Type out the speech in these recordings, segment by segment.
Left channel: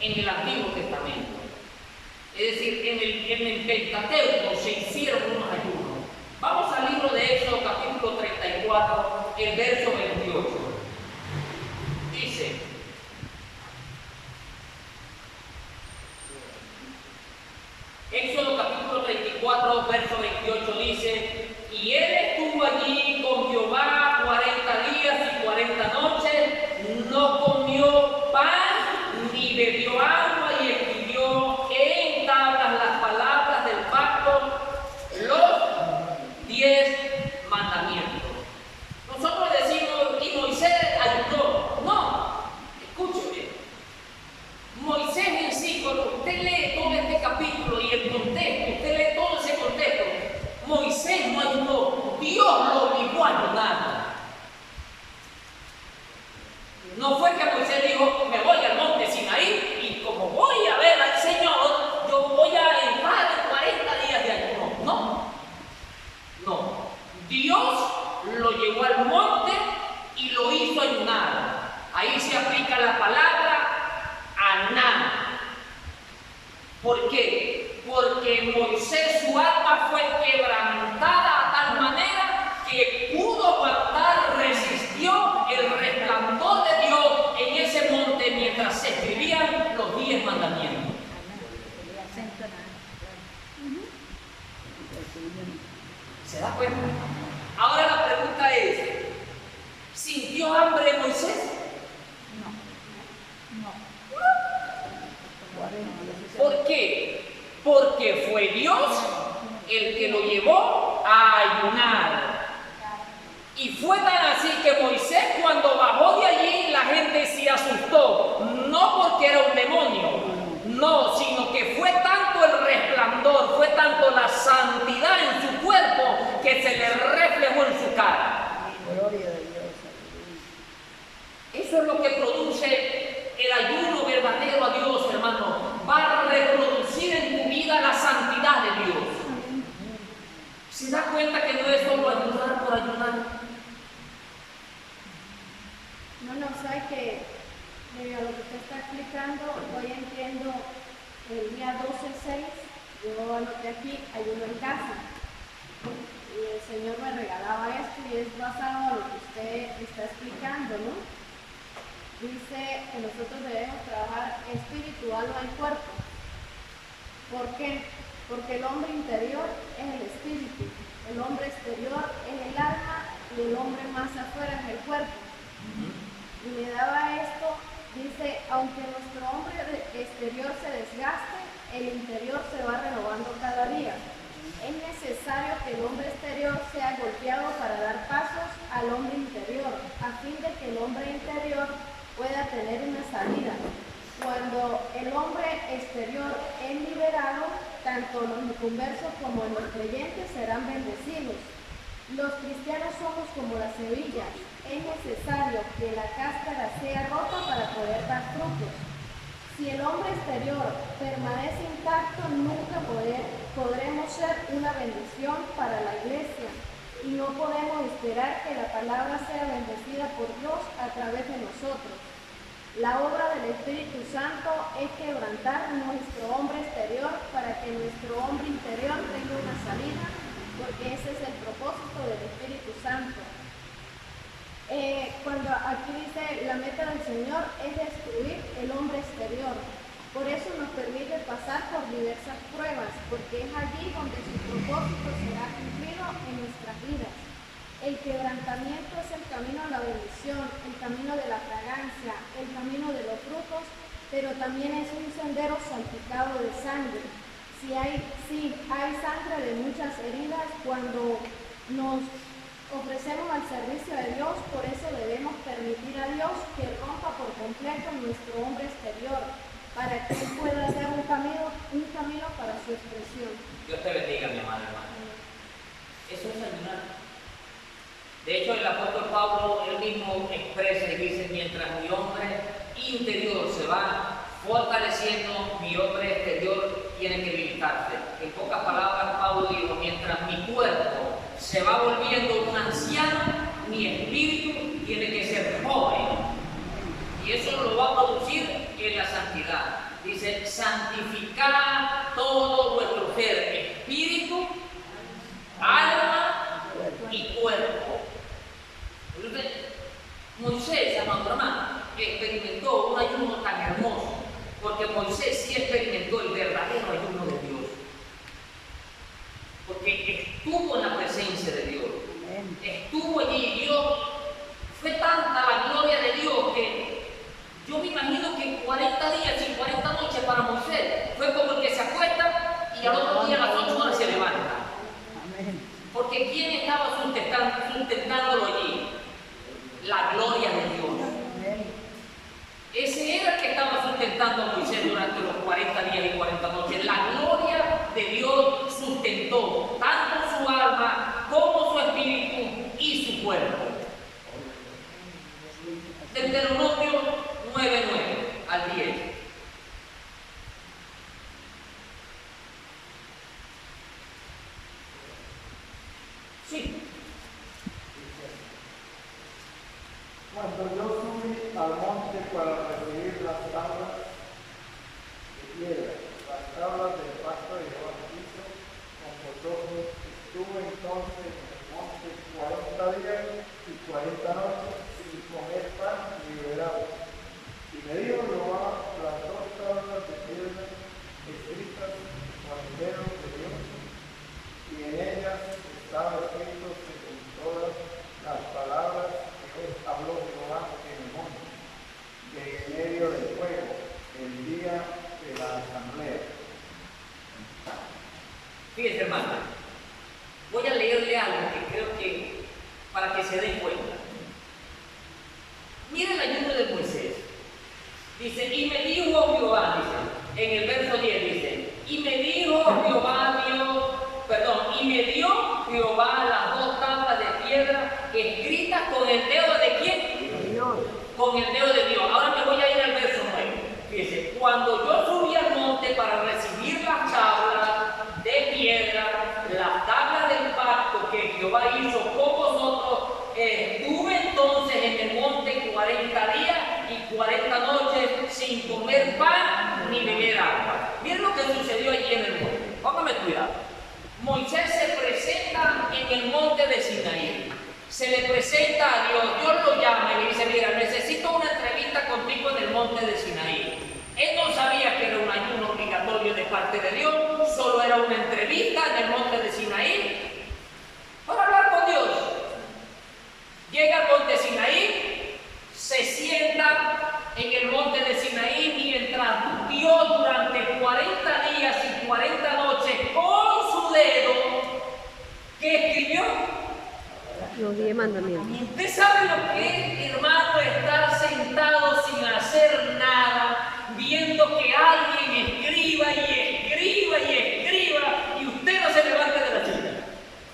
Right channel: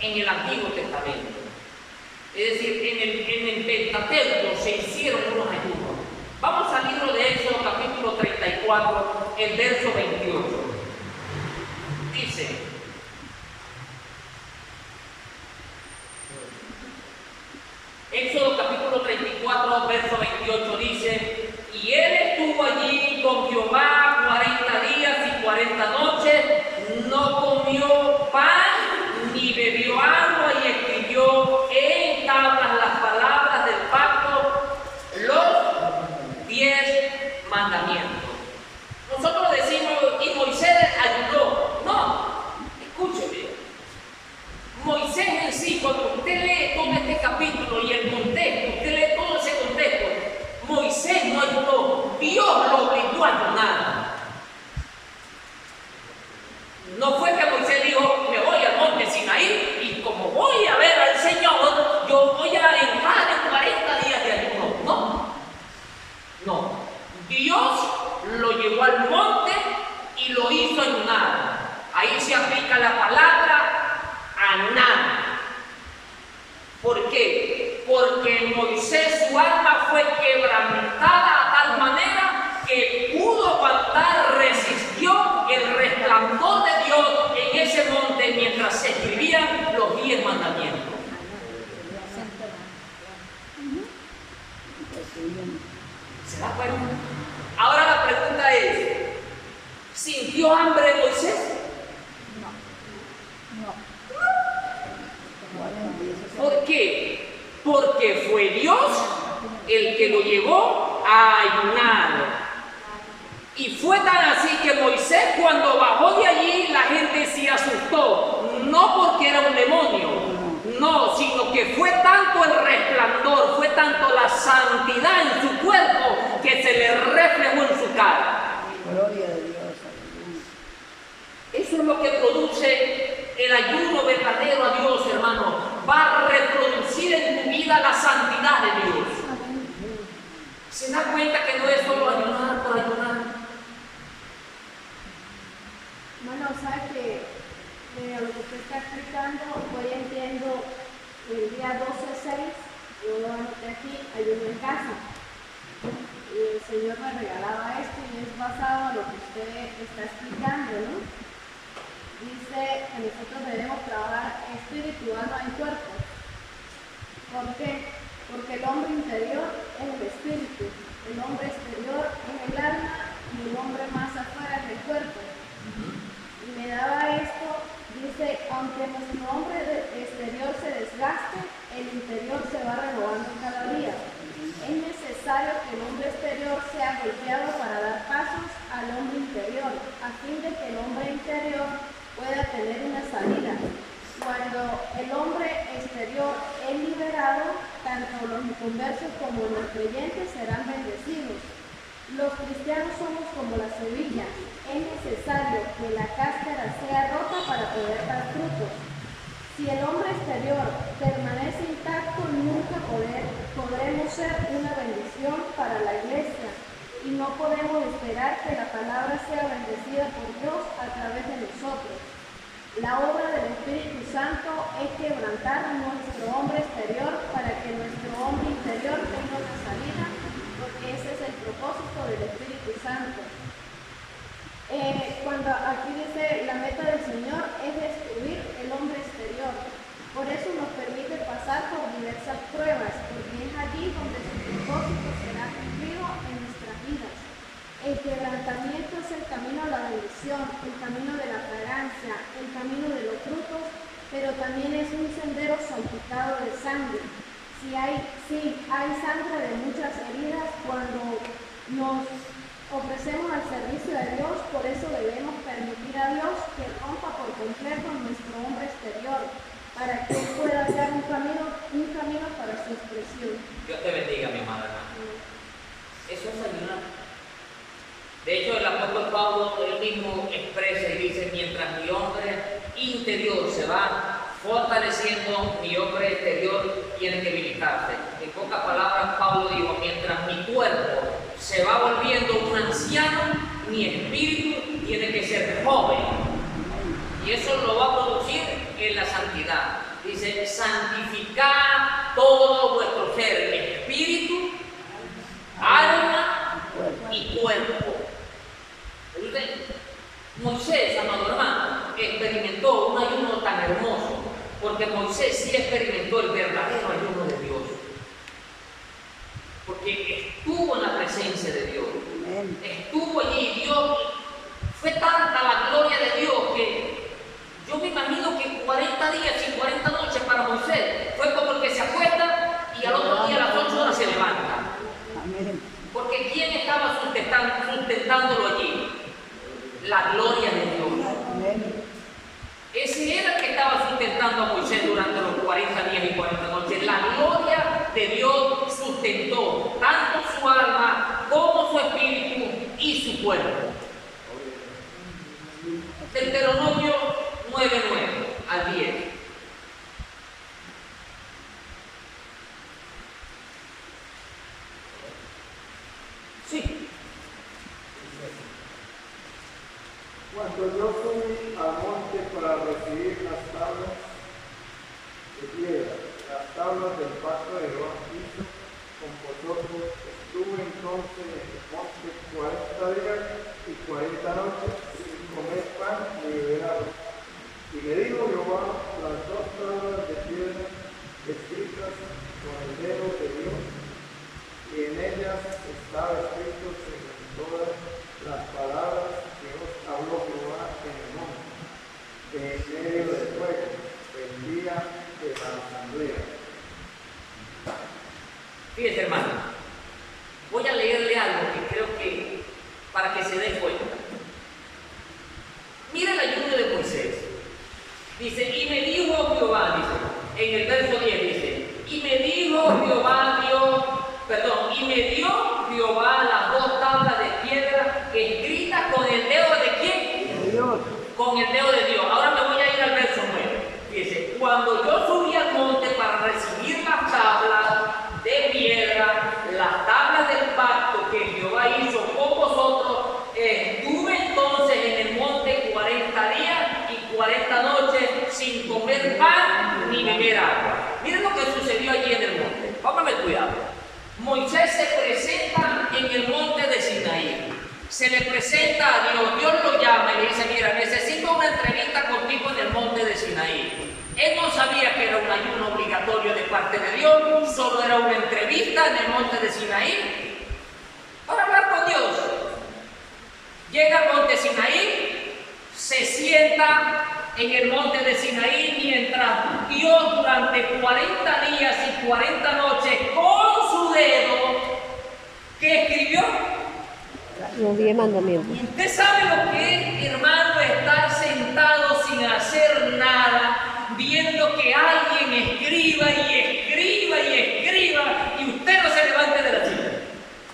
en el Antiguo Testamento. Es decir, en el Pentateuco se hicieron unos ayunos. Vamos al libro de Éxodo, capítulo 34, el verso 28. Dice: Éxodo capítulo 34, verso 28 dice: y él estuvo allí con Jehová 40 días y 40 noches, no comió pan ni bebió agua, y escribió en tablas las palabras del pacto, los 10 mandamientos. Nosotros decimos, y Moisés ayunó. No, escúcheme. Moisés en sí, cuando usted lee todo este capítulo y el contexto, usted lee todo ese contexto, Moisés no ayunó, Dios lo obligó a ayunar. No fue que Moisés dijo, me voy al monte Sinaí y como voy a ver al Señor, yo voy a entrar en 40 días de ayuno. No, no. Dios lo llevó al monte y lo hizo ayunar. Ahí se aplica la palabra aná. ¿Por qué? Porque Moisés, su alma fue quebrantada a tal manera que pudo aguantar, resistió el resplandor de Dios en ese monte mientras se escribían los 10 mandamientos. ¿Se da cuenta? Ahora la pregunta es, ¿sintió hambre Moisés? No. ¿Por qué? Porque fue Dios el que lo llevó a ayunar. Y fue tan así que Moisés, cuando bajó de allí, la gente se asustó. No porque era un demonio, no, sino que fue tanto el resplandor, fue tanto la santidad en su cuerpo que se le reflejó en su cara. Gloria de Dios. Eso es lo que produce el ayuno verdadero a Dios, hermano. Va a reproducir en tu vida la santidad de Dios. ¿Se da cuenta que no es solo ayunar por ayunar? Bueno, sabe que a lo que usted está explicando, hoy entiendo el día 12-6, yo anoté aquí ayuno en casa. Y el Señor me regalaba esto y es basado a lo que usted está explicando, ¿no? Dice que nosotros debemos trabajar espíritu, alma y cuerpo. ¿Por qué? Porque el hombre interior es el espíritu, el hombre exterior es el alma y el hombre más afuera es el cuerpo. Y me daba esto, dice, aunque nuestro hombre exterior se desgaste, el interior se va renovando cada día. Es necesario que el hombre exterior sea golpeado para dar pasos al hombre interior, a fin de que el hombre interior pueda tener una salida. Cuando el hombre exterior es liberado, tanto los inconversos como los creyentes serán bendecidos. Los cristianos somos como la semilla. Es necesario que la cáscara sea rota para poder dar frutos. Si el hombre exterior permanece intacto, nunca podremos ser una bendición para la iglesia y no podemos esperar que la palabra sea bendecida por Dios a través de nosotros. La obra del Espíritu Santo es quebrantar nuestro hombre exterior para que nuestro hombre interior tenga una salida, porque ese es el propósito del Espíritu Santo. Cuando aquí dice la meta del Señor es destruir el hombre exterior. Por eso nos permite pasar por diversas pruebas, porque es allí donde su propósito será cumplido en nuestras vidas. El quebrantamiento es el camino a la bendición, el camino de la fragancia, el camino de los frutos, pero también es un sendero salpicado de sangre. Sí hay sangre de muchas heridas cuando nos ofrecemos al servicio de Dios, por eso debemos permitir a Dios que rompa por completo nuestro hombre exterior, para que Él pueda hallar un camino para su expresión. Dios te bendiga, mi hermana. Eso es ayunar. De hecho, el apóstol Pablo, él mismo expresa y dice, mientras mi hombre interior se va fortaleciendo, mi hombre exterior tiene que militarse. En pocas palabras, Pablo dijo, mientras mi cuerpo se va volviendo un anciano, mi espíritu tiene que ser joven. Y eso lo va a producir en la santidad. Dice, santificad todo vuestro ser, espíritu, alma y cuerpo. Entonces, Moisés, amado hermano, experimentó un ayuno tan hermoso, porque Moisés sí experimentó el verdadero ayuno de Dios. Porque estuvo en la presencia de Dios. Estuvo allí, Dios, fue tanta la gloria de Dios que yo me imagino que 40 días y 40 noches para Moisés fue como el que se acuesta y al otro día a las 8 horas se levanta. Porque ¿quién estaba sustentándolo allí? La gloria de Dios. Ese era el que estaba sustentando a Moisés durante los 40 días y 40 noches. La gloria de Dios sustentó tanto su alma como su espíritu y su cuerpo. Deuteronomio 9:9 al 10. Sí. Cuando yo subí al monte para recibir las tablas de piedra, las tablas del pacto de Jehová hizo con vosotros, estuve entonces en el monte 40 días y 40 noches sin comer pan ni beber agua. Y me dijo Jehová, las dos tablas de piedra escritas con el dedo de Dios, y en ellas estaba escrito según todas las palabras que os habló Jehová en el monte, en medio del fuego, el día de la asamblea. Fíjese, hermano, voy a leerle algo que creo que para que se dé cuenta. Mira el ayuno de Moisés. Dice, y me dijo Jehová, dice, en el verso 10 dice, y me dijo Jehová Dios, perdón, y me dio Jehová las dos tablas de piedra escritas con el dedo de quién? De Dios. Con el dedo de Dios. Ahora me voy a ir al verso 9. Dice, cuando yo subí al monte para recibir las tablas de piedra, las tablas del pacto que Jehová hizo con vosotros, estuve entonces en el monte 40 días y 40 noches sin comer pan ni beber agua. Miren lo que sucedió allí en el monte. Póngame cuidado. Moisés se presenta en el monte de Sinaí. Se le presenta a Dios. Dios lo llama y le dice, mira, necesito una entrevista contigo en el monte de Sinaí. Él no sabía que era un ayuno obligatorio de parte de Dios, solo era una entrevista en el monte de Sinaí para hablar con Dios. Llega al monte Sinaí, se sienta en el monte de Sinaí mientras Dios durante 40 días y 40 noches con su dedo, ¿qué escribió? Los 10 mandamientos. ¿Usted sabe lo que es, hermano, estar sentado sin hacer nada, viendo que alguien escriba y escriba y escriba y usted no se levante de la silla?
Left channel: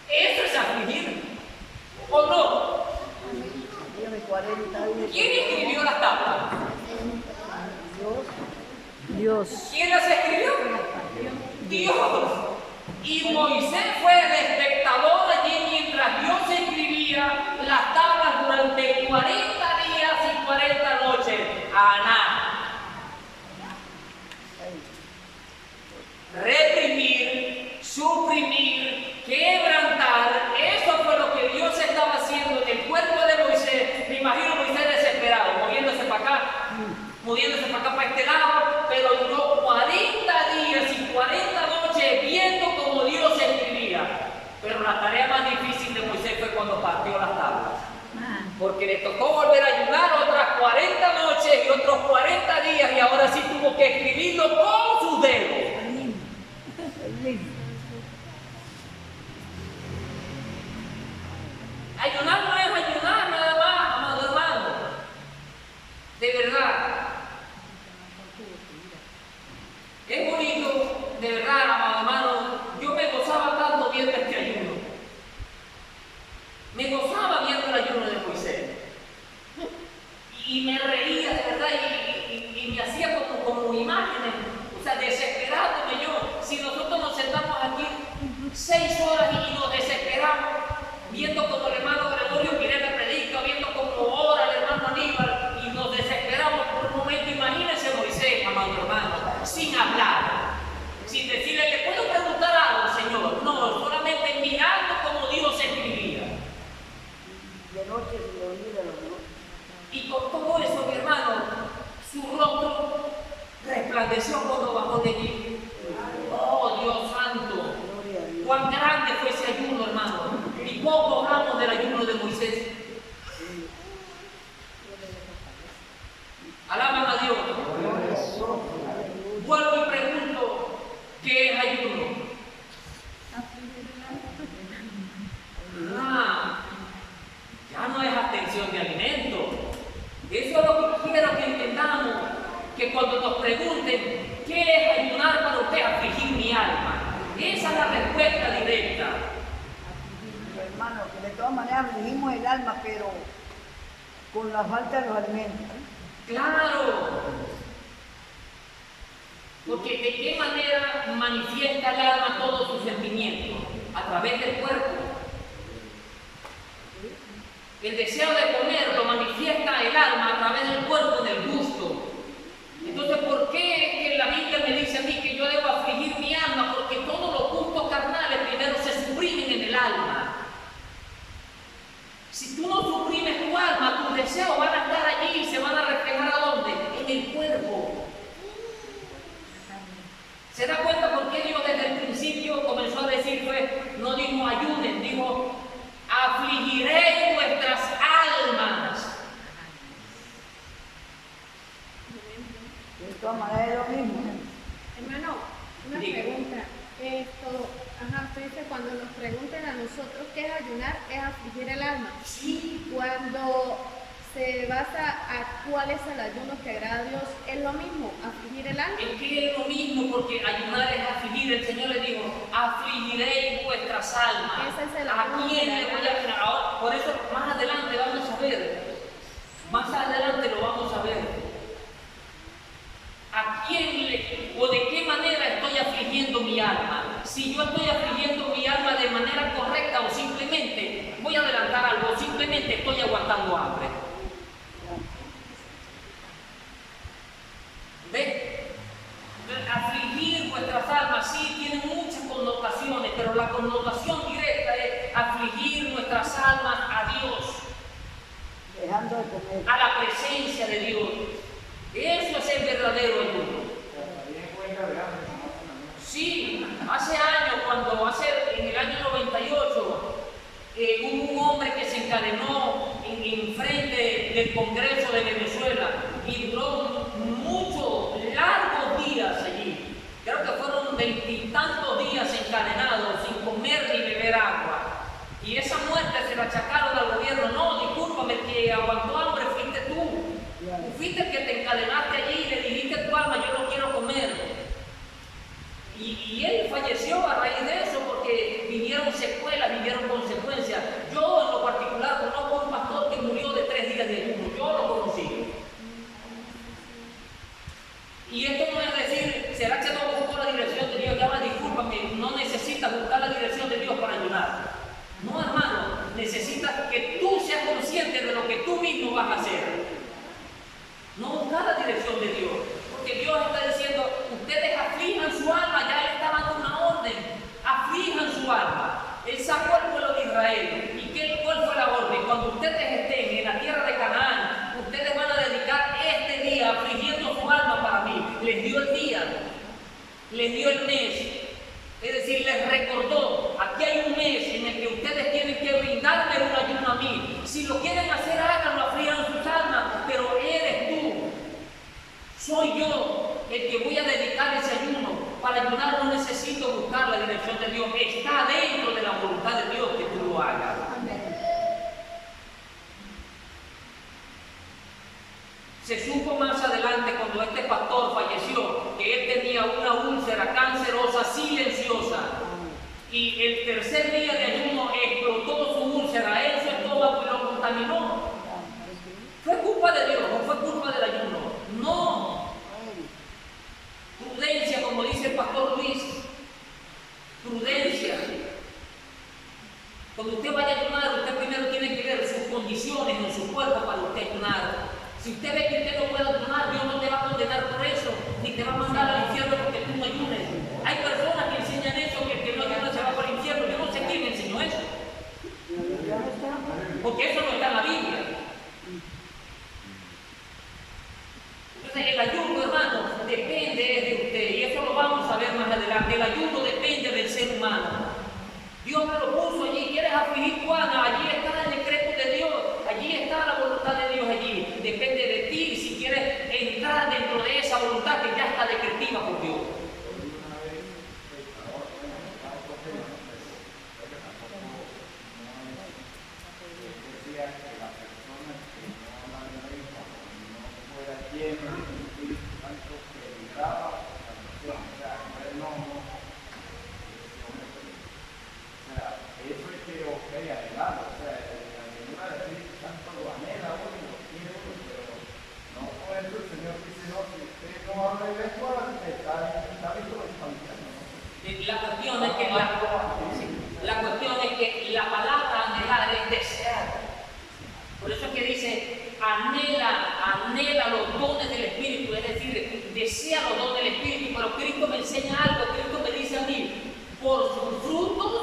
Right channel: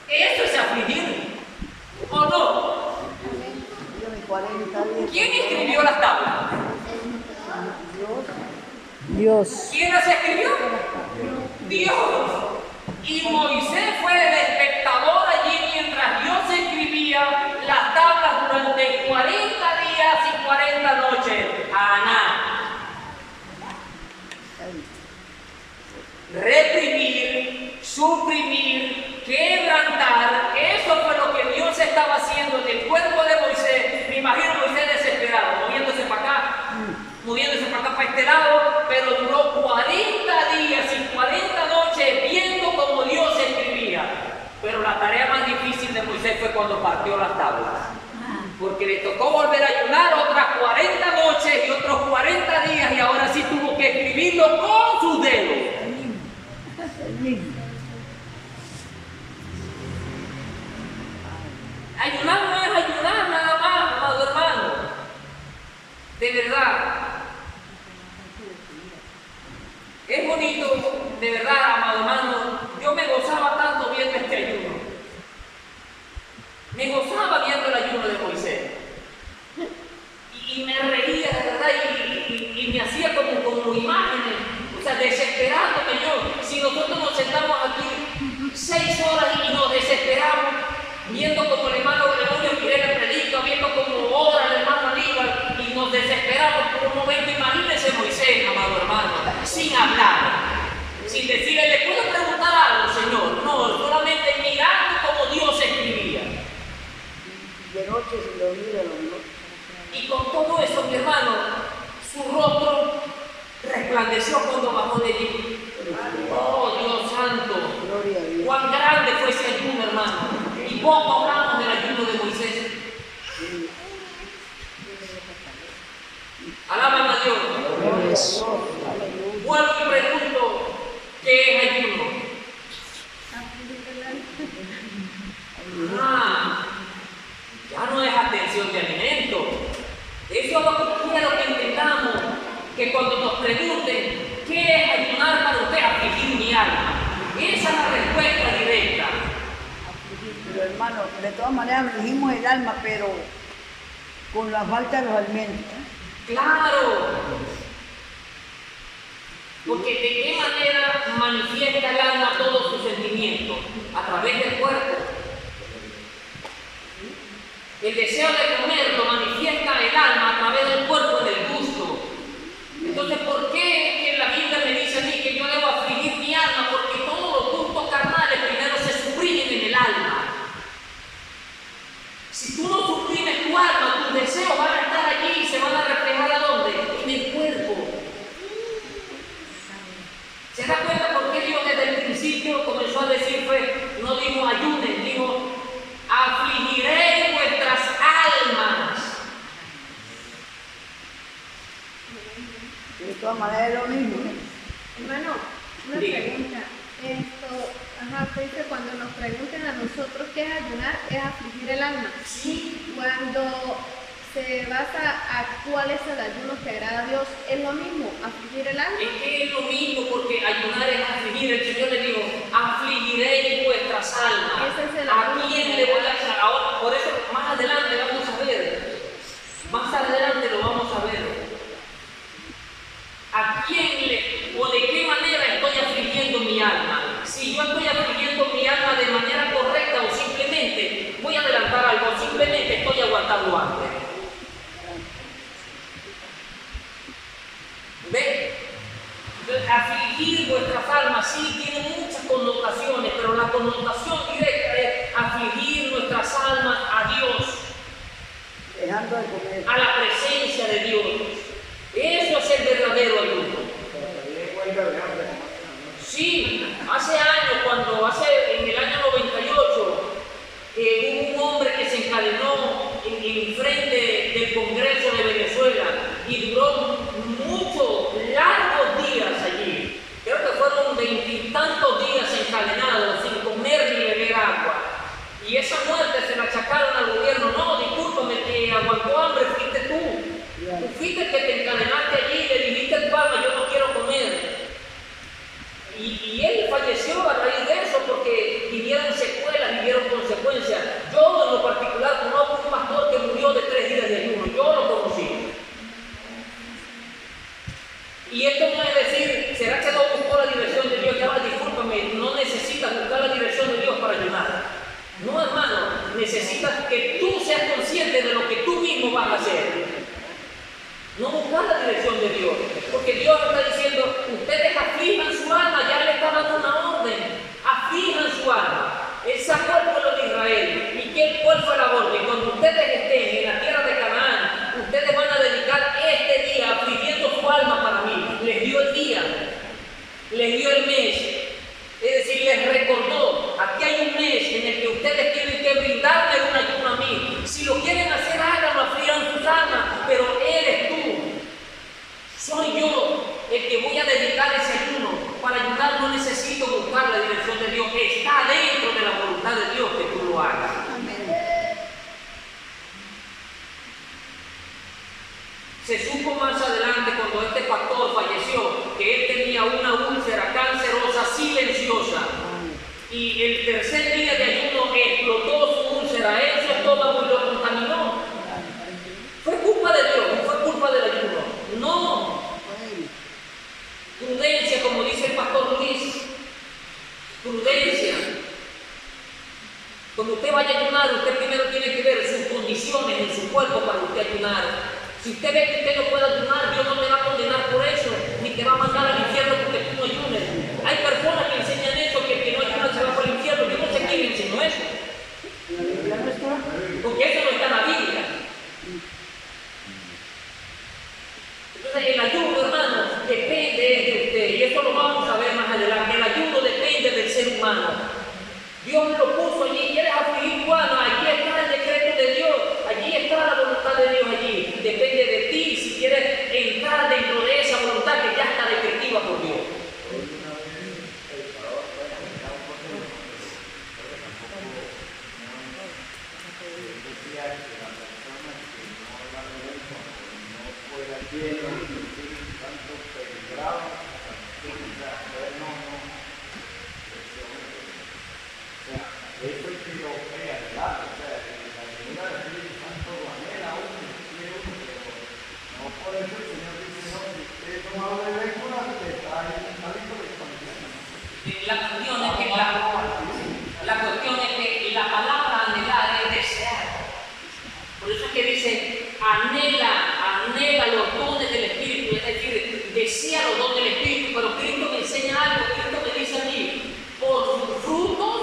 Eso es afligir, ¿o no? ¿Quién escribió las tablas? Dios. ¿Quién las escribió? Dios. Y Moisés fue el espectador allí mientras Dios escribía las tablas durante 40 días y 40 noches. Aná. Reprimir, suprimir, quebrantar, eso fue lo que Dios estaba haciendo en el cuerpo de Moisés. Me imagino Moisés desesperado, moviéndose para acá, para este lado, pero duró 40 días y 40 noches viendo como Dios escribía. Pero la tarea más difícil de Moisés fue cuando partió las tablas, porque le tocó volver a ayunar otras 40 noches y otros 40 días, y ahora sí tuvo que escribirlo con sus dedos. Ayunar no es ayunar nada más, amado hermano. De verdad. Es bonito, de verdad, amado hermano. Yo me gozaba tanto viendo este ayuno. Me gozaba viendo el ayuno de Moisés. Y me reía, de verdad, y me hacía como imágenes. O sea, desesperándome yo. Si nosotros nos sentamos Y con todo eso, mi hermano, su rostro resplandeció cuando bajó de allí. Oh, Dios santo. Cuán grande fue ese ayuno, hermano. Y poco hablamos del ayuno de Moisés. Alaban a Dios. Vuelvo y pregunto, ¿qué es ayuno? Ya no es atención de alimento. Eso es lo que quiero que entendamos, que cuando nos pregunten, ¿qué es ayunar para usted? Afligir mi alma. Esa es la respuesta directa. Pero hermano, de todas maneras afligimos el alma, pero con la falta de los alimentos. Claro. Porque de qué manera manifiesta el alma todos sus sentimientos, a través del cuerpo. El deseo de comer lo manifiesta el alma a través del cuerpo, del gusto. Entonces, ¿por qué que la Biblia me dice a mí que yo debo afligir mi alma? Porque todos los gustos carnales primero se suprimen en el alma. Si tú no suprimes tu alma, tus deseos van a estar allí y se van a reflejar ¿a dónde? En el cuerpo. ¿Se da cuenta por qué Dios desde el principio comenzó a decir, no dijo ayuden, dijo afligiré vuestras almas? De todas maneras es lo mismo. Hermano, una pregunta. Usted dice, cuando nos pregunten a nosotros qué es ayunar, es afligir el alma. Sí. Cuando se basa a cuál es el ayuno que agrada a Dios, ¿es lo mismo afligir el alma? Es que es lo mismo, porque ayunar es afligir. El Señor le dijo, afligiréis vuestras almas. Ese es el ¿A ayuno quién que le voy a agrada. hacer? Ahora, por eso más adelante vamos a ver. Más adelante lo vamos a ver. ¿A quién o de qué manera estoy afligiendo mi alma? Si yo estoy afligiendo mi alma de manera correcta o simplemente, voy a adelantar algo, simplemente estoy aguantando hambre. ¿Ve? Afligir vuestras almas sí tiene muchas connotaciones, pero la connotación directa es afligir nuestras almas a Dios, Dejando de comer. a la presencia de Dios. Eso es el verdadero ayuno. Sí, hace años, en el año 98, hubo un hombre que se encadenó en frente del Congreso de Venezuela y duró muchos, largos días allí. Creo que fueron 20 y tantos días encadenados, sin comer ni beber agua. Y esa muerte se la achacaron al gobierno. No, discúlpame, que aguantó hambre fuiste tú. Tú fuiste el que te encadenaste allí y le dijiste a tu alma, yo no quiero comer. Y él falleció a raíz de eso porque vivieron secuelas, vivieron consecuencias. Yo en lo particular conozco un pastor que murió de 3 días de ayuno. Yo lo conocí. Y esto no es decir, ¿será que no buscó la dirección de Dios? Ya va, discúlpame, no necesitas buscar la dirección de Dios para ayunar. No, hermano, necesitas que tú seas consciente de lo que tú mismo vas a hacer. No buscar la dirección de Dios, porque Dios está diciendo, ustedes aflijan su alma, ya le está dando una orden, aflijan su alma. Él sacó al pueblo de Israel. ¿Y cuál fue la orden? Cuando ustedes estén en la tierra de Canaán, ustedes van a dedicar este día afligiendo su alma para mí. Les dio el día, les dio el mes, es decir, les recordó, aquí hay un mes en el que ustedes tienen que brindarme un ayuno a mí. Si lo quieren hacer, háganlo, aflijan sus almas, pero eres tú. Soy yo el que voy a dedicar ese ayuno. Para ayunar no necesito buscar la dirección de Dios. Está dentro de la voluntad de Dios que tú lo hagas. Amén. Se supo más adelante cuando este pastor falleció que él tenía una úlcera cancerosa silenciosa. Y el tercer día de ayuno explotó su úlcera en su estómago y lo contaminó. ¿Fue culpa de Dios? ¿No fue culpa del ayuno? No. Prudencia, como dice el pastor Luis. Prudencia. Cuando usted vaya a ayunar, usted primero tiene que ver sus condiciones en su cuerpo para usted ayunar. Si usted ve que usted no puede ayunar, Dios no te va a condenar por eso, ni te va a mandar al infierno porque tú no ayunes. Hay personas que enseñan eso, que el que no ayuna se va por el infierno. Yo no sé quién enseñó eso. Porque eso no está en la Biblia. no habla de lengua, está en hábito de expansión. La cuestión es que la palabra anhelar es desear. Por eso es que dice, anhela los dones del Espíritu, es decir, desea los dones del Espíritu, pero Cristo me enseña algo, Cristo me dice a mí, por sus frutos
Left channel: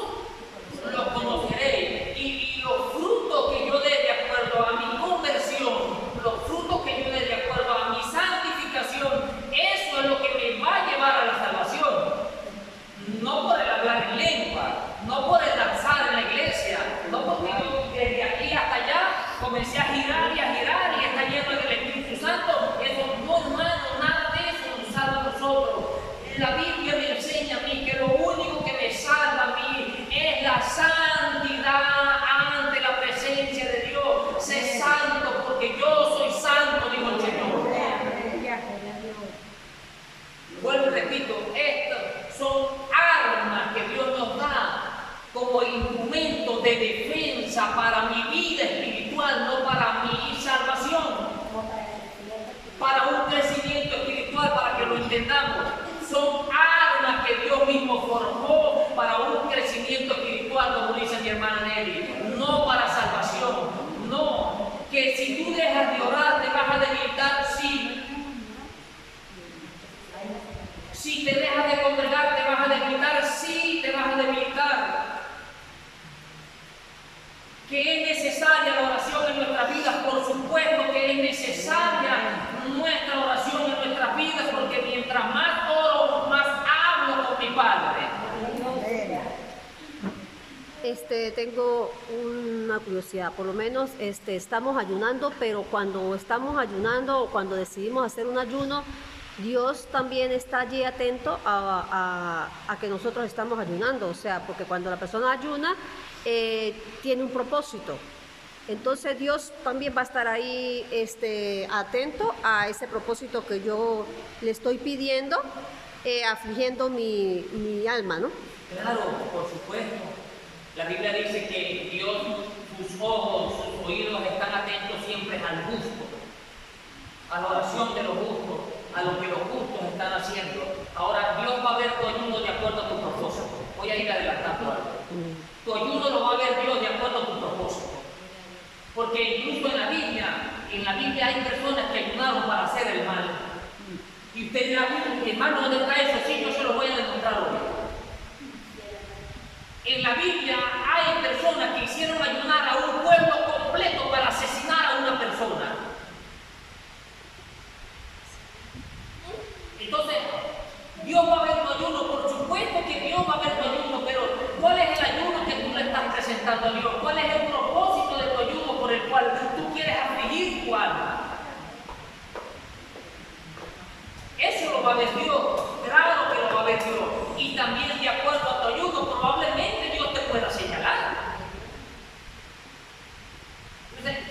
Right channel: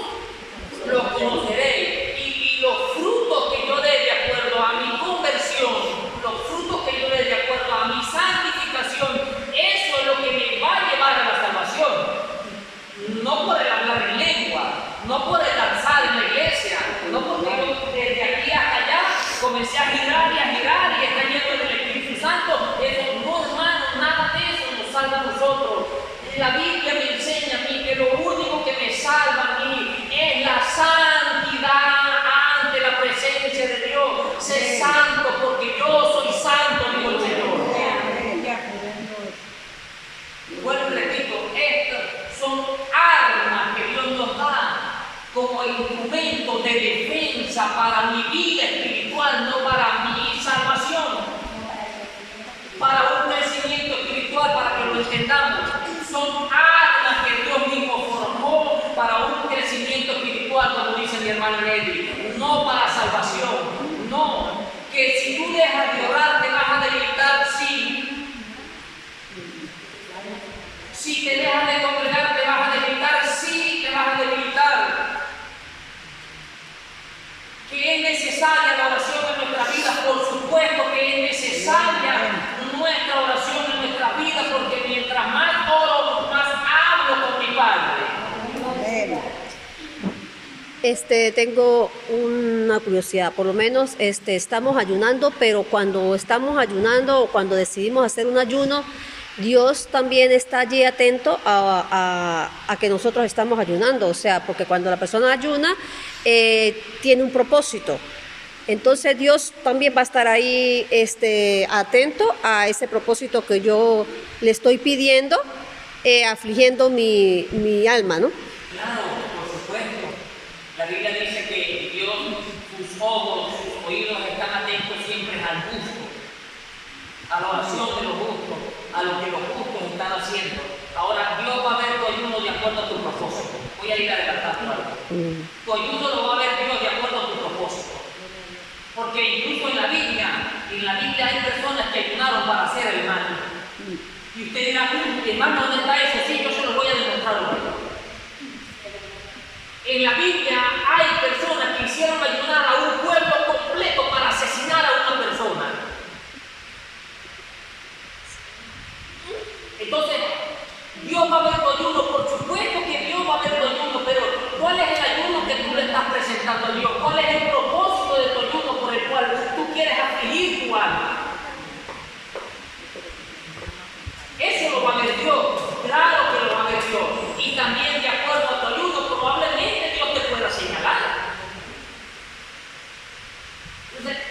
los conoceréis. Y los frutos que yo dé de acuerdo a mi conversión, los frutos que yo dé de acuerdo a mi santificación, eso es lo que me va a llevar a la salvación. No por el hablar en lengua, no por el danzar en la iglesia, no porque yo desde aquí hasta allá comencé a girar y está lleno del Espíritu Santo. Eso no, hermano, nada de eso nos salva a nosotros. La Biblia me enseña a mí que lo único que me salva a mí es la santidad ante la presencia de Dios. Sé santo porque yo soy santo, dijo el Señor. Bueno, repito, estas son armas que Dios nos da como instrumento de defensa para mi vida espiritual, no para mi salvación, para un crecimiento espiritual, para que lo entendamos. Son armas que Dios mismo forjó para un crecimiento espiritual, como dice mi hermano Nelly, no para salvación. No, que si tú dejas de orar te vas a debilitar, sí. Si te dejas de congregar te vas a debilitar, sí, te vas a debilitar. Que es necesaria la oración en nuestras vidas, por supuesto que es necesaria nuestra oración en nuestras vidas, porque mientras más oro, más hablo con mi Padre. Tengo una curiosidad, por lo menos estamos ayunando, pero cuando estamos ayunando o cuando decidimos hacer un ayuno, Dios también está allí atento a que nosotros estamos ayunando, o sea, porque cuando la persona ayuna, tiene un propósito. Entonces Dios también va a estar ahí atento a ese propósito que yo le estoy pidiendo, afligiendo mi alma, ¿no? Claro, por supuesto. La Biblia dice que Dios, sus ojos, sus oídos están atentos siempre al justo, a la oración de los justos, a lo que los justos están haciendo. Ahora, Dios va a ver tu ayuno de acuerdo a tu propósito. Voy a ir adelantando algo. Tu ayuno lo va a ver Dios de acuerdo a tu propósito. Porque incluso en la Biblia hay personas que ayunaron para hacer el mal. Y usted dirá, hermano, ¿dónde está eso? Sí, yo se lo voy a demostrar hoy. En la Biblia hay personas que hicieron ayunar a un pueblo completo para asesinar a una persona. Entonces, Dios va a ver tu ayuno, por supuesto que Dios va a ver tu ayuno, pero ¿cuál es el ayuno que tú le estás presentando a Dios? ¿Cuál es el propósito de tu ayuno por el cual tú quieres afligir tu alma? Eso lo va a ver Dios, claro que lo va a ver Dios. Y también de acuerdo a tu ayuno, probablemente Dios te pueda señalar. Entonces,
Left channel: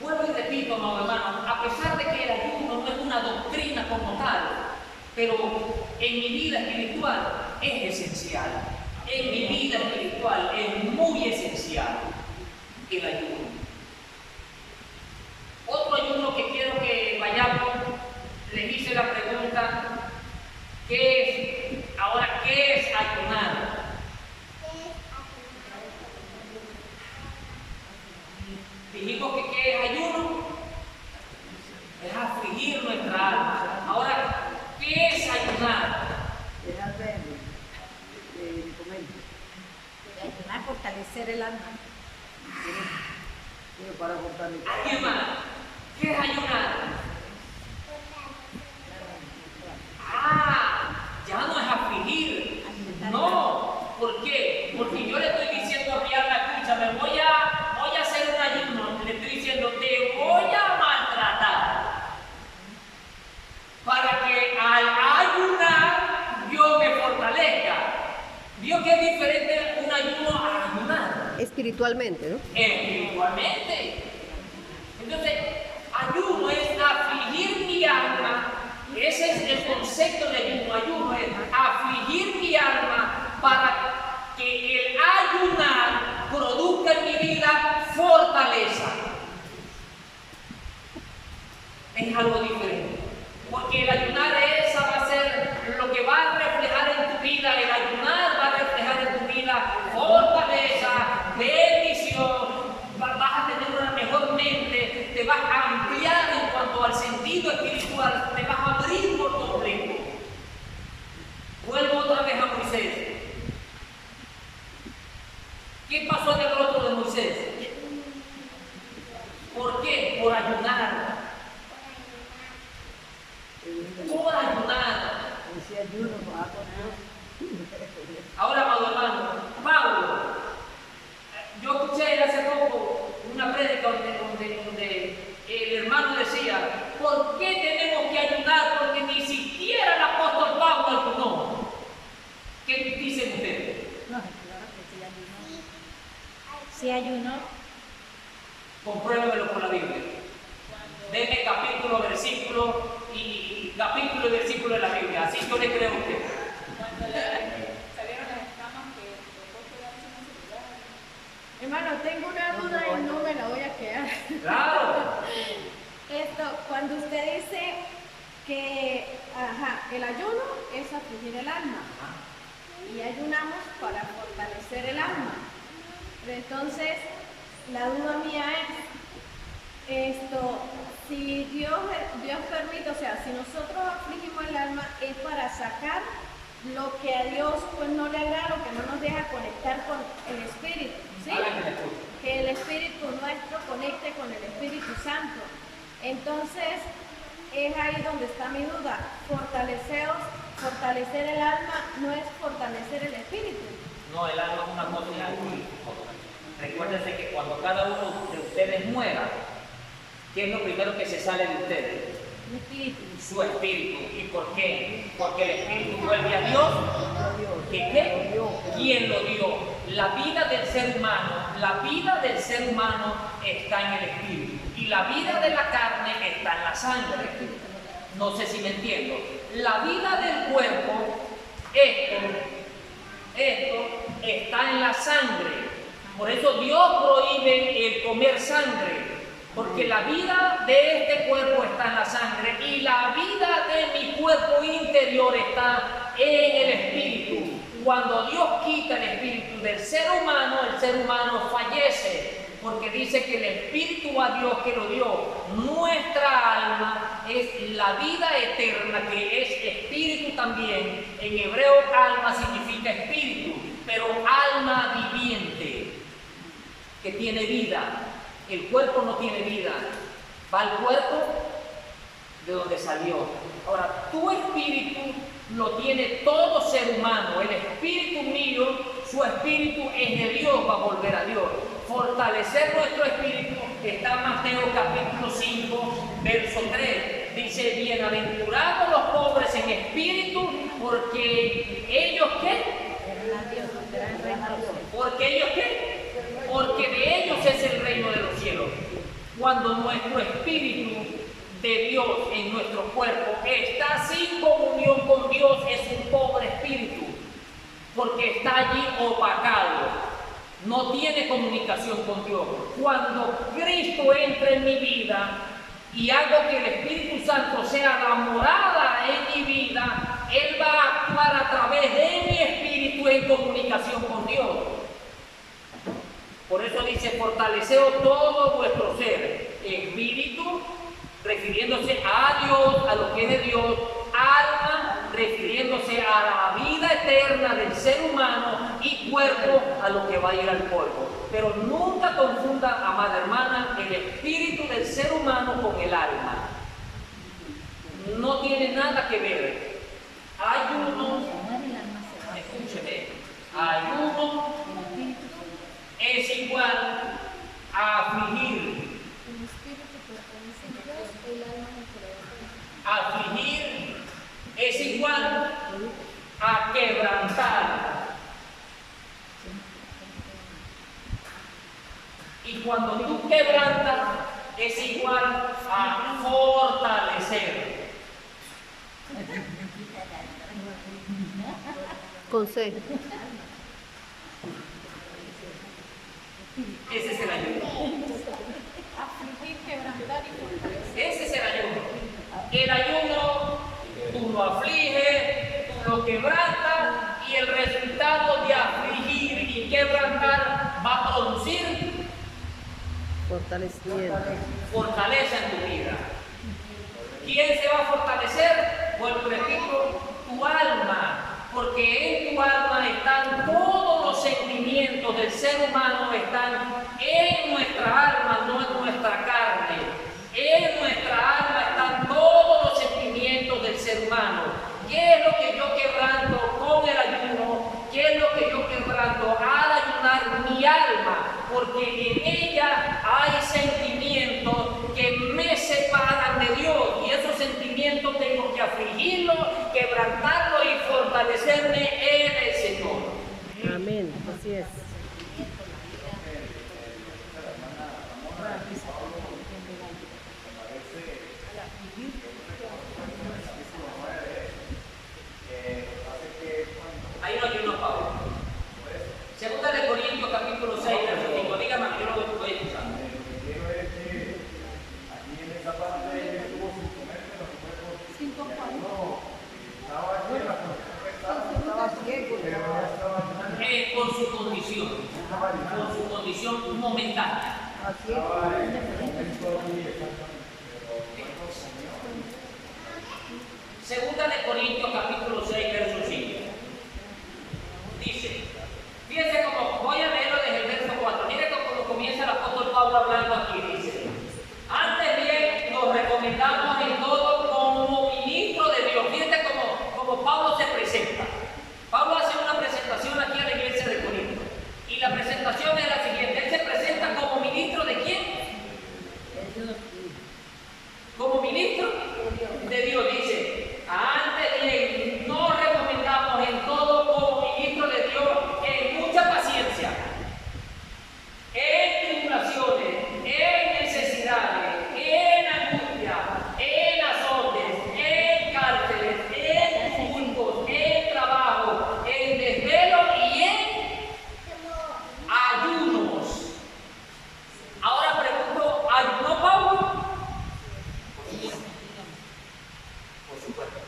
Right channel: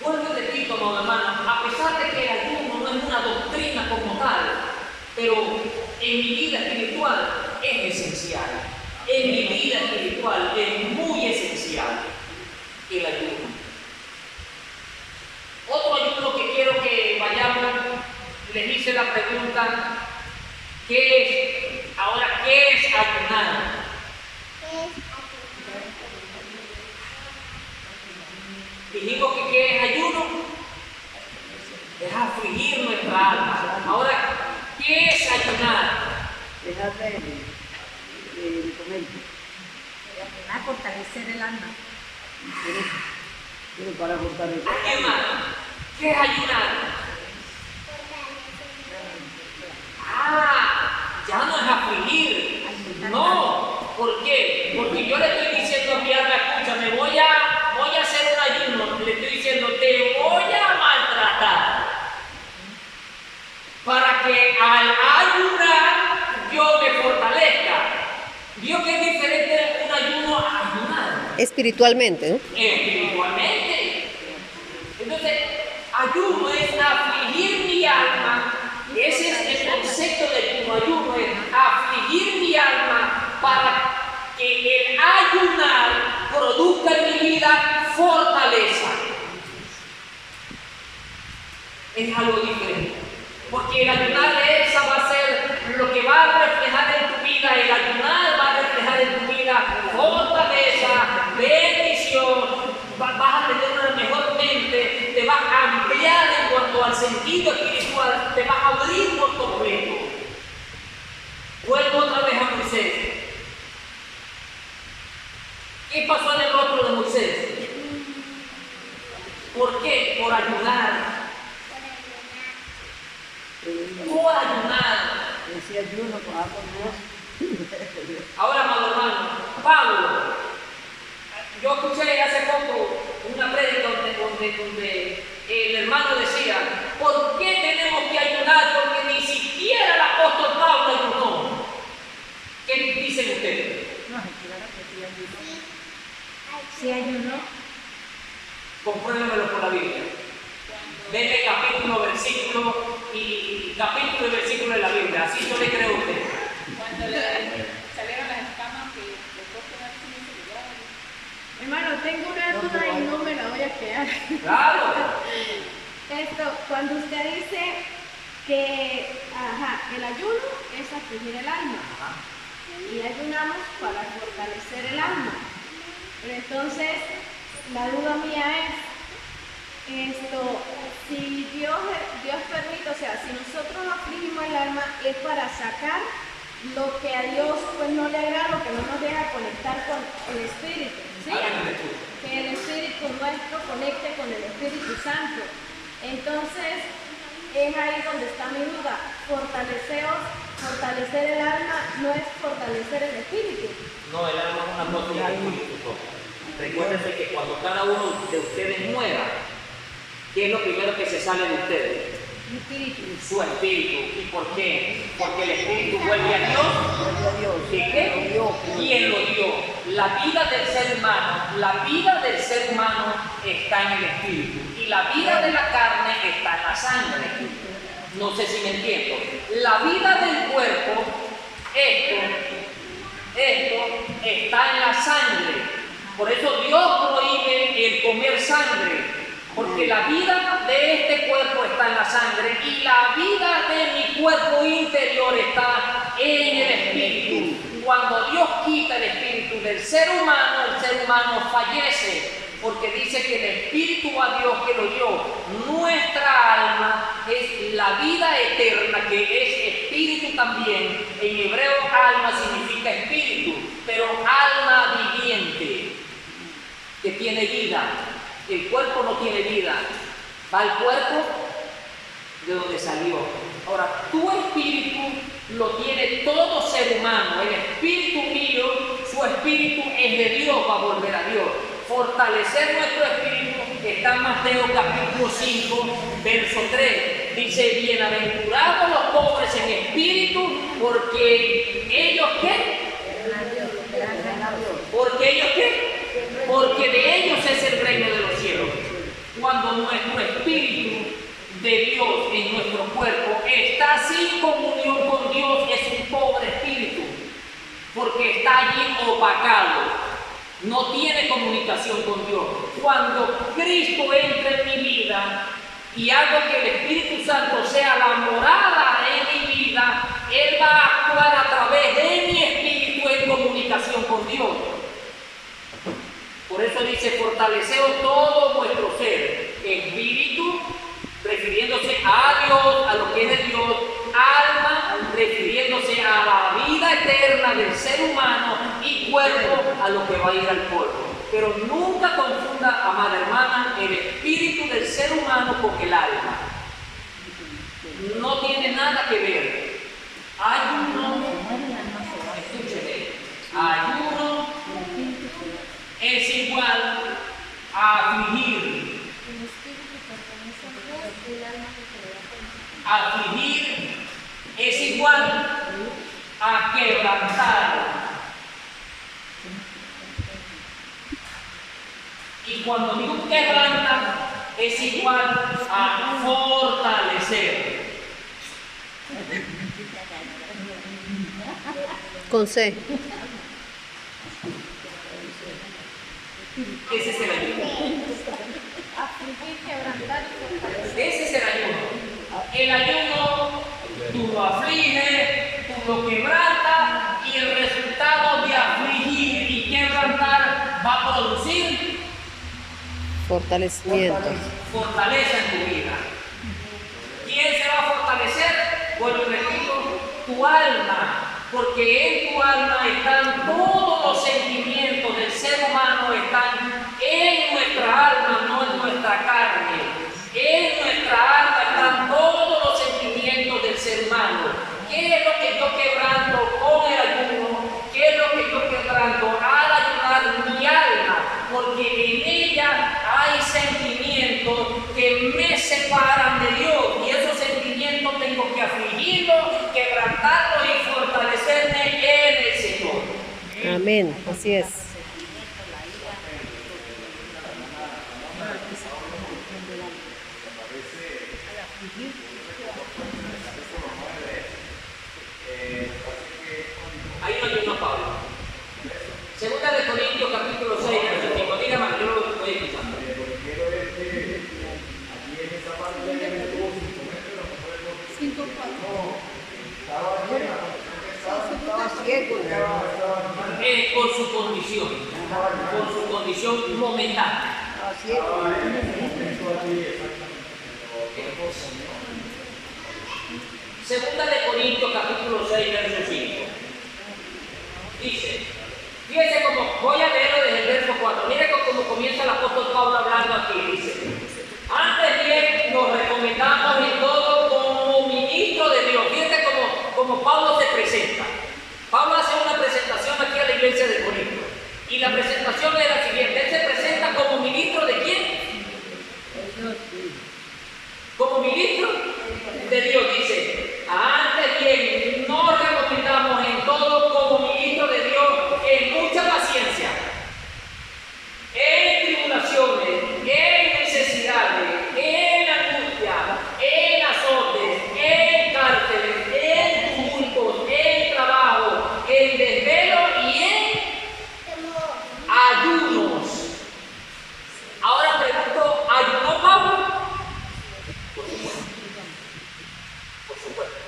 vuelvo y repito, amado hermano, a pesar de que el ayuno no es una doctrina como tal, pero en mi vida espiritual es esencial. En mi vida espiritual es muy esencial el ayuno. Otro ayuno que quiero que vayamos, les hice la pregunta, ¿qué es? Ahora, ¿qué es ayunar? Dijimos que ¿qué es ayuno? Es afligir nuestra alma. Ahora, ¿qué es ayunar? Déjate de comer. Ayunar, fortalecer el alma. Pero para fortalecer. Ayunar. ¿Qué es ayunar? Ya no es afligir. No. ¿Por qué? Porque yo le estoy diciendo a mi alma, escúchame, voy a hacer un ayuno. Le estoy diciendo, te voy a maltratar. Para que al ayunar yo me fortalezca. ¿Vio que es diferente un ayuno a ayunar? Espiritualmente, ¿no? Espiritualmente. Entonces, ayuno es afligir mi alma. Ese es el concepto de ayuno. Ayuno es afligir mi alma para que el ayunar produzca en mi vida fortaleza. Es algo diferente. Porque el ayunar esa va a ser lo que va a reflejar en tu vida. El ayunar va a reflejar en tu vida fortaleza, bendición. Vas a tener una mejor mente, te vas a ampliar en cuanto al sentido espiritual, te vas a abrir por completo. Vuelvo otra vez a Moisés. ¿Qué pasó en el rostro de Moisés? ¿Por qué? Por ayunar. Por ayunar. Decía ayuno con Dios. Ahora, amado hermano, Pablo, yo escuché hace poco una prédica donde el hermano decía, ¿por qué tenemos que ayunar? Porque ni siquiera el apóstol Pablo ayunó. ¿Qué dicen ustedes? No, claro que sí ayunó. Sí ayunó. Compruébemelo por la Biblia. Denle capítulo, versículo y capítulo y versículo de la Biblia. Así yo le creo a usted. Cuando salieron las escamas que después quedaron sin seguridad. Hermano, tengo una duda y no me la voy a quedar. Claro. Cuando usted dice que el ayuno es afligir el alma y ayunamos para fortalecer el alma. Pero entonces, la duda mía es si Dios permite, o sea, si nosotros afligimos el alma es para sacar lo que a Dios pues no le agrada, lo que no nos deja conectar con el Espíritu, ¿sí? Que el Espíritu nuestro conecte con el Espíritu Santo. Entonces, es ahí donde está mi duda. Fortalecer el alma no es fortalecer el Espíritu. No, el alma es una cosa y el espíritu es otra. Recuérdense que cuando cada uno de ustedes muera, ¿qué es lo primero que se sale de ustedes? El Espíritu. Su espíritu. ¿Y por qué? Porque el espíritu vuelve a Dios. ¿Y qué? ¿Quién lo dio? La vida del ser humano está en el espíritu. Y la vida de la carne está en la sangre. No sé si me entiendo. La vida del cuerpo, esto está en la sangre. Por eso Dios prohíbe el comer sangre. Porque la vida de este cuerpo está en la sangre y la vida de mi cuerpo interior está en el espíritu. Cuando Dios quita el espíritu del ser humano fallece. Porque dice que el espíritu a Dios que lo dio. Nuestra alma es la vida eterna, que es espíritu también. En hebreo alma significa espíritu, pero alma viviente, que tiene vida. El cuerpo no tiene vida, va al cuerpo de donde salió. Ahora, tu espíritu lo tiene todo ser humano. El espíritu mío, su espíritu es de Dios, va a volver a Dios. Fortalecer nuestro espíritu está en Mateo capítulo 5, verso 3. Dice, bienaventurados los pobres en espíritu, porque ellos ¿qué? Porque ellos ¿qué? Porque de ellos es el reino de los cielos. Cuando nuestro espíritu de Dios en nuestro cuerpo está sin comunión con Dios, es un pobre espíritu, porque está allí opacado, no tiene comunicación con Dios. Cuando Cristo entra en mi vida y hago que el Espíritu Santo sea la morada en mi vida, Él va a actuar a través de mi espíritu en comunicación con Dios. Por eso dice, fortaleceos todo vuestro ser, espíritu, refiriéndose a Dios, a lo que es de Dios, alma, refiriéndose a la vida eterna del ser humano, y cuerpo, a lo que va a ir al polvo. Pero nunca confunda, amada hermana, el espíritu del ser humano con el alma. No tiene nada que ver. Ayuno, escúcheme, ayuno es igual a afligir. El espíritu pertenece a Dios, el alma es el que le da cuenta. Afligir es igual a quebrantar. Y cuando tú quebrantas, es igual a fortalecer. Con C. Ese es el ayuno. Afligir, quebrantar y fortalecer. Ese es el ayuno. El ayuno lo aflige, tú lo quebrantas y el resultado de afligir y quebrantar va a producir Fortalecimiento. fortaleza en tu vida. ¿Quién se va a fortalecer? Vuelvo y repito, tu alma, porque en tu alma están todos los sentimientos del ser humano, están en nuestra alma, no en nuestra carne. En nuestra alma están todos los sentimientos del ser humano. ¿Qué es lo que yo quebranto con el ayuno? ¿Qué es lo que yo quebranto al ayunar mi alma? Porque en ella hay sentimientos que me separan de Dios, y esos sentimientos tengo que afligirlos, quebrantarlos y fortalecerme en el Señor. Amén, así es. Ahí no hay uno, Pablo. Segunda de Corintios, capítulo 6, verso 5. Dígame, yo lo estoy escuchando. Estaba ciego. Por su condición momentánea. Estaba ciego. Segunda de Corintios, capítulo 6, verso 5. Dice, fíjense cómo, voy a leerlo desde el verso 4. Miren cómo comienza el apóstol Pablo hablando aquí. Dice, antes bien nos recomendamos en todo como ministro de Dios. Fíjense cómo Pablo se presenta. Pablo hace una presentación aquí a la iglesia de Corinto. Y la presentación es la siguiente. Él se presenta como ministro de quién? Como ministro de Dios. Dice, antes bien nos recomendamos en todo como ministro de Dios en mucha paciencia, en tribulaciones, en necesidades, en angustia, en azotes, en cárceles, en tumultos, en trabajo, en desvelo y en ayunos. Ahora pregunto, ¿ayunó Pablo? Por supuesto.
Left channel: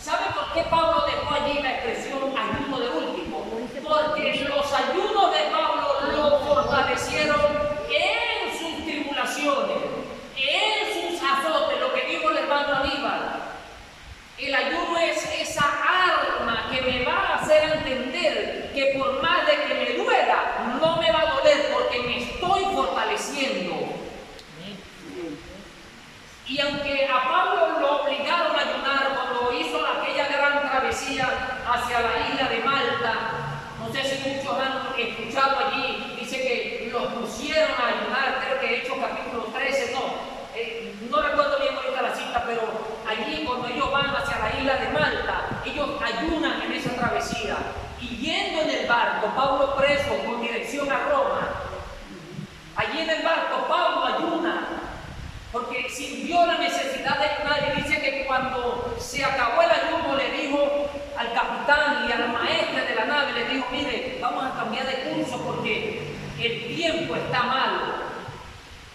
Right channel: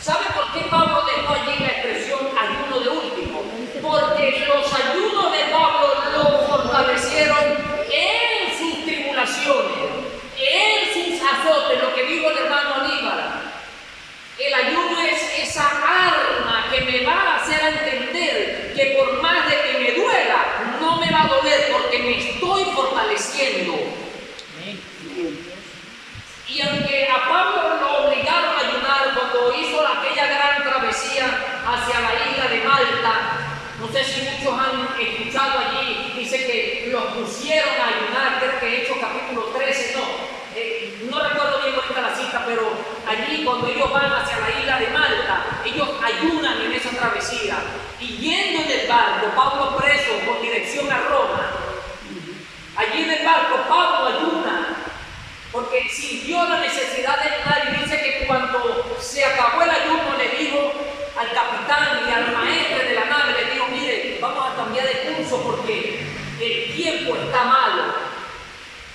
¿Sabe por qué Pablo dejó allí la expresión ayuno de último? Porque los ayunos de Pablo lo fortalecieron en sus tribulaciones, en sus azotes, lo que dijo el hermano Aníbal. El ayuno es esa arma que me va a hacer entender que por más de que me duela, no me va a doler porque me estoy fortaleciendo. Y aunque a Pablo lo obligaron a ayunar cuando hizo aquella gran travesía hacia la isla de Malta, no sé si muchos han escuchado allí, dice que los pusieron a ayunar, creo que Hechos capítulo 13, no recuerdo bien ahorita la cita, pero allí cuando ellos van hacia la isla de Malta, ellos ayunan en esa travesía. Y yendo en el barco, Pablo preso con dirección a Roma, allí en el barco Pablo ayuna, porque sintió la necesidad de ayunar, y dice que cuando se acabó el ayuno le dijo al capitán y al maestre de la nave, le dijo, mire, vamos a cambiar de curso porque el tiempo está malo.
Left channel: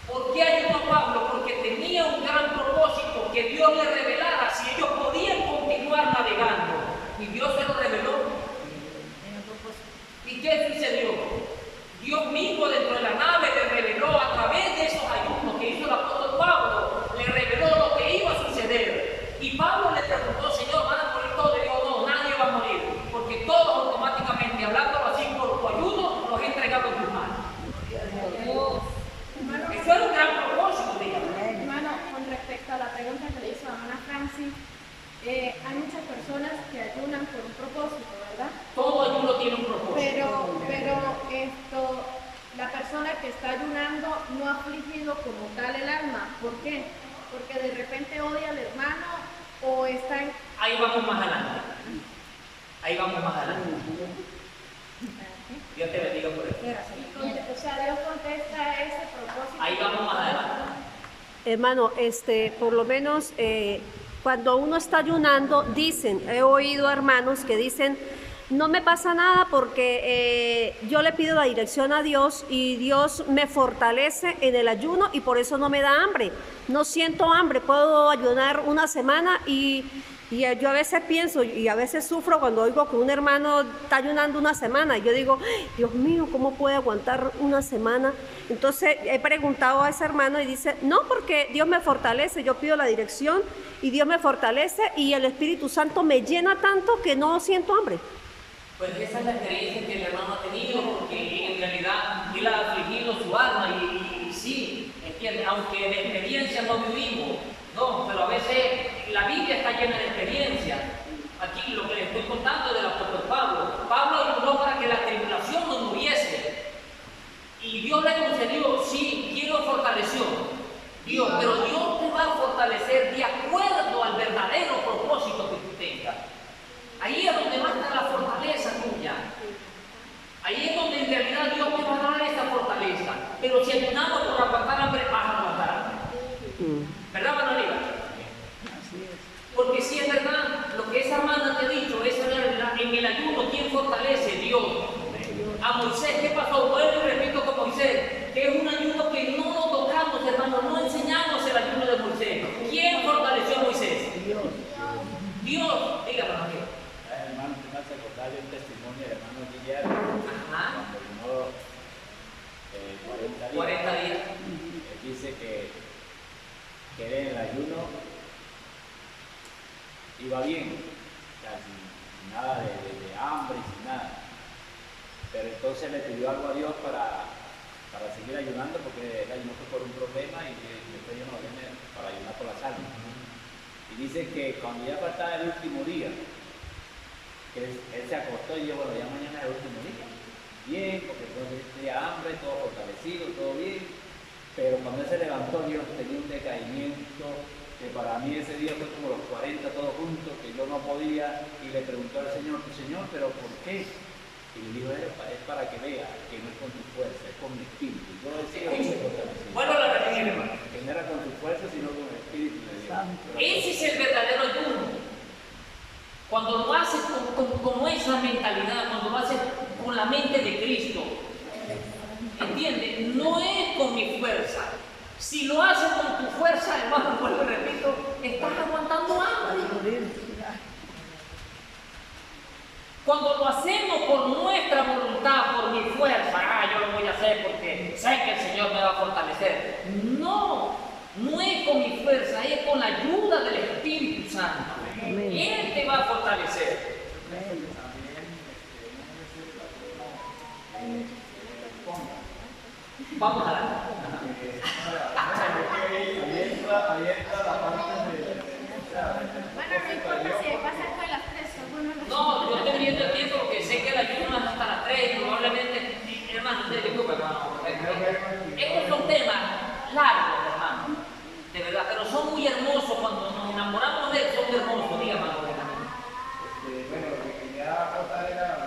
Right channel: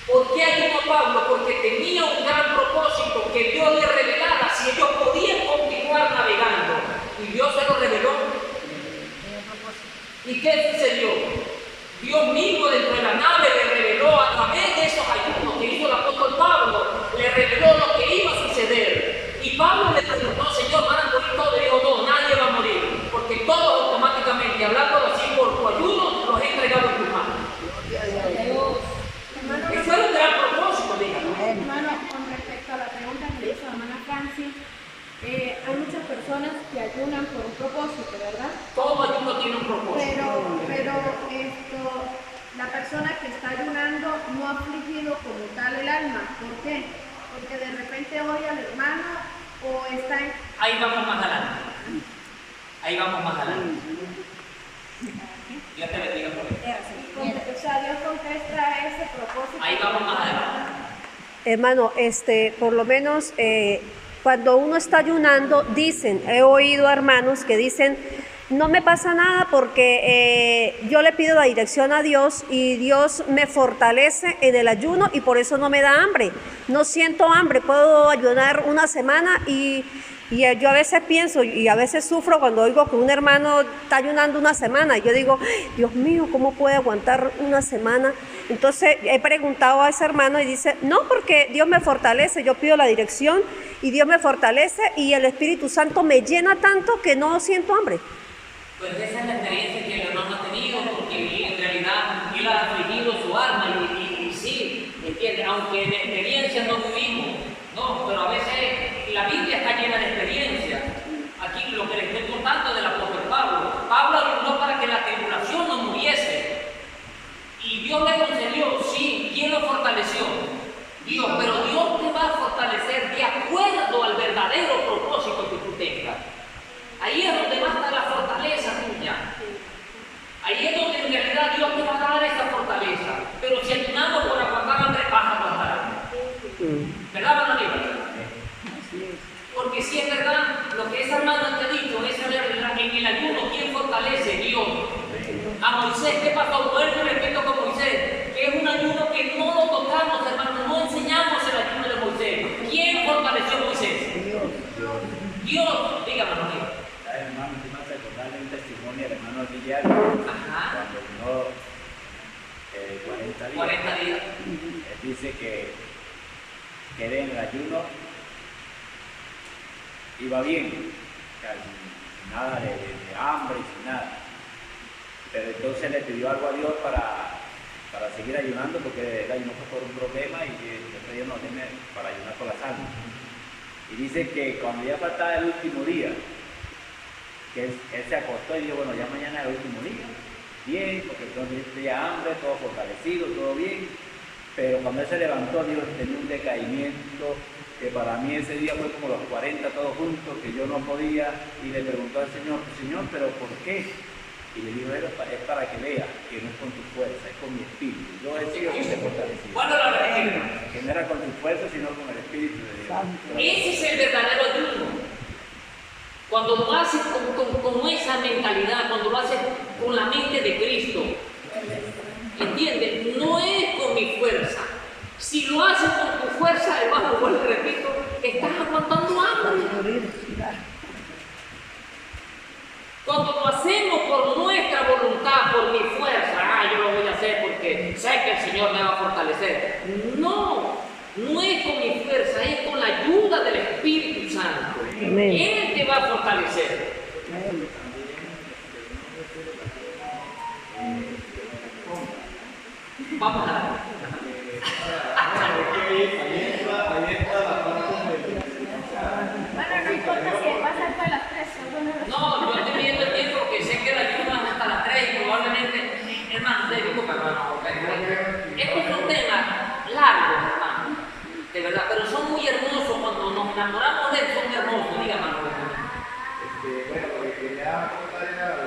¿Por qué ayunó Pablo? Porque tenía un gran propósito que Dios le revelara si ellos podían continuar navegando. Y Dios se lo reveló. ¿Y qué sucedió? Dios mismo dentro de la nave le reveló a través de esos ayunos que hizo el apóstol Pablo, le reveló lo que iba a suceder. Y Pablo le preguntó, Señor, ¿van a morir todos? Y dijo, no, nadie va a morir, porque todos automáticamente, hablando así por tu ayuno, los he entregado en tus manos. Eso era un gran propósito, dígame. Hermano, con respecto a la pregunta que le hizo la hermana Francis, hay muchas personas que ayunan por un propósito, ¿verdad? Todo ayuno tiene un propósito. Pero la persona que está ayunando no ha afligido como tal el alma. ¿Por qué? Porque de repente odia al hermano o está en... Ahí vamos más adelante. Ahí vamos más adelante. Dios te bendiga por eso. O sea, Dios contesta ese propósito. Ahí vamos más adelante. Hermano, por lo menos cuando uno está ayunando, he oído hermanos que dicen, no me pasa nada porque yo le pido la dirección a Dios y Dios me fortalece en el ayuno y por eso no me da hambre. No siento hambre, puedo ayunar una semana y Y yo a veces pienso y a veces sufro cuando oigo que un hermano está ayunando una semana. Y yo digo, Dios mío, ¿cómo puede aguantar una semana? Entonces he preguntado a ese hermano y dice, no, porque Dios me fortalece. Yo pido la dirección y Dios me fortalece y el Espíritu Santo me llena tanto que no siento hambre. Pues esa es la experiencia que el hermano ha tenido, porque en realidad él ha afligido su alma y sí, entiende, aunque en experiencia no vivimos, no, pero a veces la Biblia está llena de experiencias. Aquí lo que les estoy contando del apóstol Pablo. Pablo ayudó para que la tribulación no muriese. Y Dios le concedió, sí, ¿quién lo fortaleció? Dios, pero Dios te va a fortalecer de acuerdo al verdadero propósito que tú tengas. Ahí es donde va a estar la fortaleza tuya. Ahí es donde en realidad Dios te va a dar esa fortaleza. Pero si ayunamos por aguantar hambre, vas a aguantar hambre. ¿Verdad, hermano Aníbal? Así es. Porque si es verdad, lo que esa hermana te ha dicho, es en el ayuno, ¿quién fortalece? Dios. A Moisés, ¿qué pasó? Vuelvo y repito con Moisés, que es un ayuno que no lo tocamos, hermano, no enseñamos el ayuno de Moisés. ¿Quién fortaleció a Moisés? Dios. Dios. Dígame, hermano Aníbal. Hermano, si me hace acordarle un testimonio del hermano Guillermo, Ajá. cuando vino 40 días. 40 días. Él dice que él en el ayuno iba bien, casi sin nada de hambre y sin nada. Pero entonces le pidió algo a Dios para seguir ayunando, porque él ayunó por un problema y después Dios nos tiene para ayunar por las almas. Y dice que cuando ya faltaba el último día, que él se acostó y dijo, bueno, ya mañana es el último día. Bien, porque entonces tenía hambre, todo fortalecido, todo bien. Pero cuando él se levantó, Dios tenía un decaimiento que para mí ese día fue como los 40 todos juntos, que yo no podía, y le preguntó al Señor, Señor, ¿pero por qué? Y le dijo, es para que vea que no es con tu fuerza, es con mi espíritu. Yo he sido muy fortalecido. Bueno, la verdad, Que no era con tu fuerza, sino con el espíritu de Dios. Santo. ese es el verdadero ayuno. Cuando lo haces con esa mentalidad, cuando lo haces con la mente de Cristo, ¿entiendes? No es con mi fuerza. Si lo haces con tu fuerza, hermano, vuelvo y repito, estás aguantando hambre. Morir. Cuando lo hacemos por nuestra voluntad, por mi fuerza, yo lo voy a hacer porque sé que el Señor me va a fortalecer. No, no es con mi fuerza, es con la ayuda del Espíritu Santo. Amén. Él te va a fortalecer. Amén. Vamos a dar. Ahí entra la parte de... Bueno, no importa si va a ser para las 3. Bueno, No, yo estoy viendo el tiempo porque sé que la ayuda es hasta las 3 y probablemente, hermano, disculpa, hermano, estos son temas largos, hermano, de verdad, pero son muy hermosos cuando nos enamoramos de él, son hermosos, dígame, hermano. Bueno, lo que quería aportar era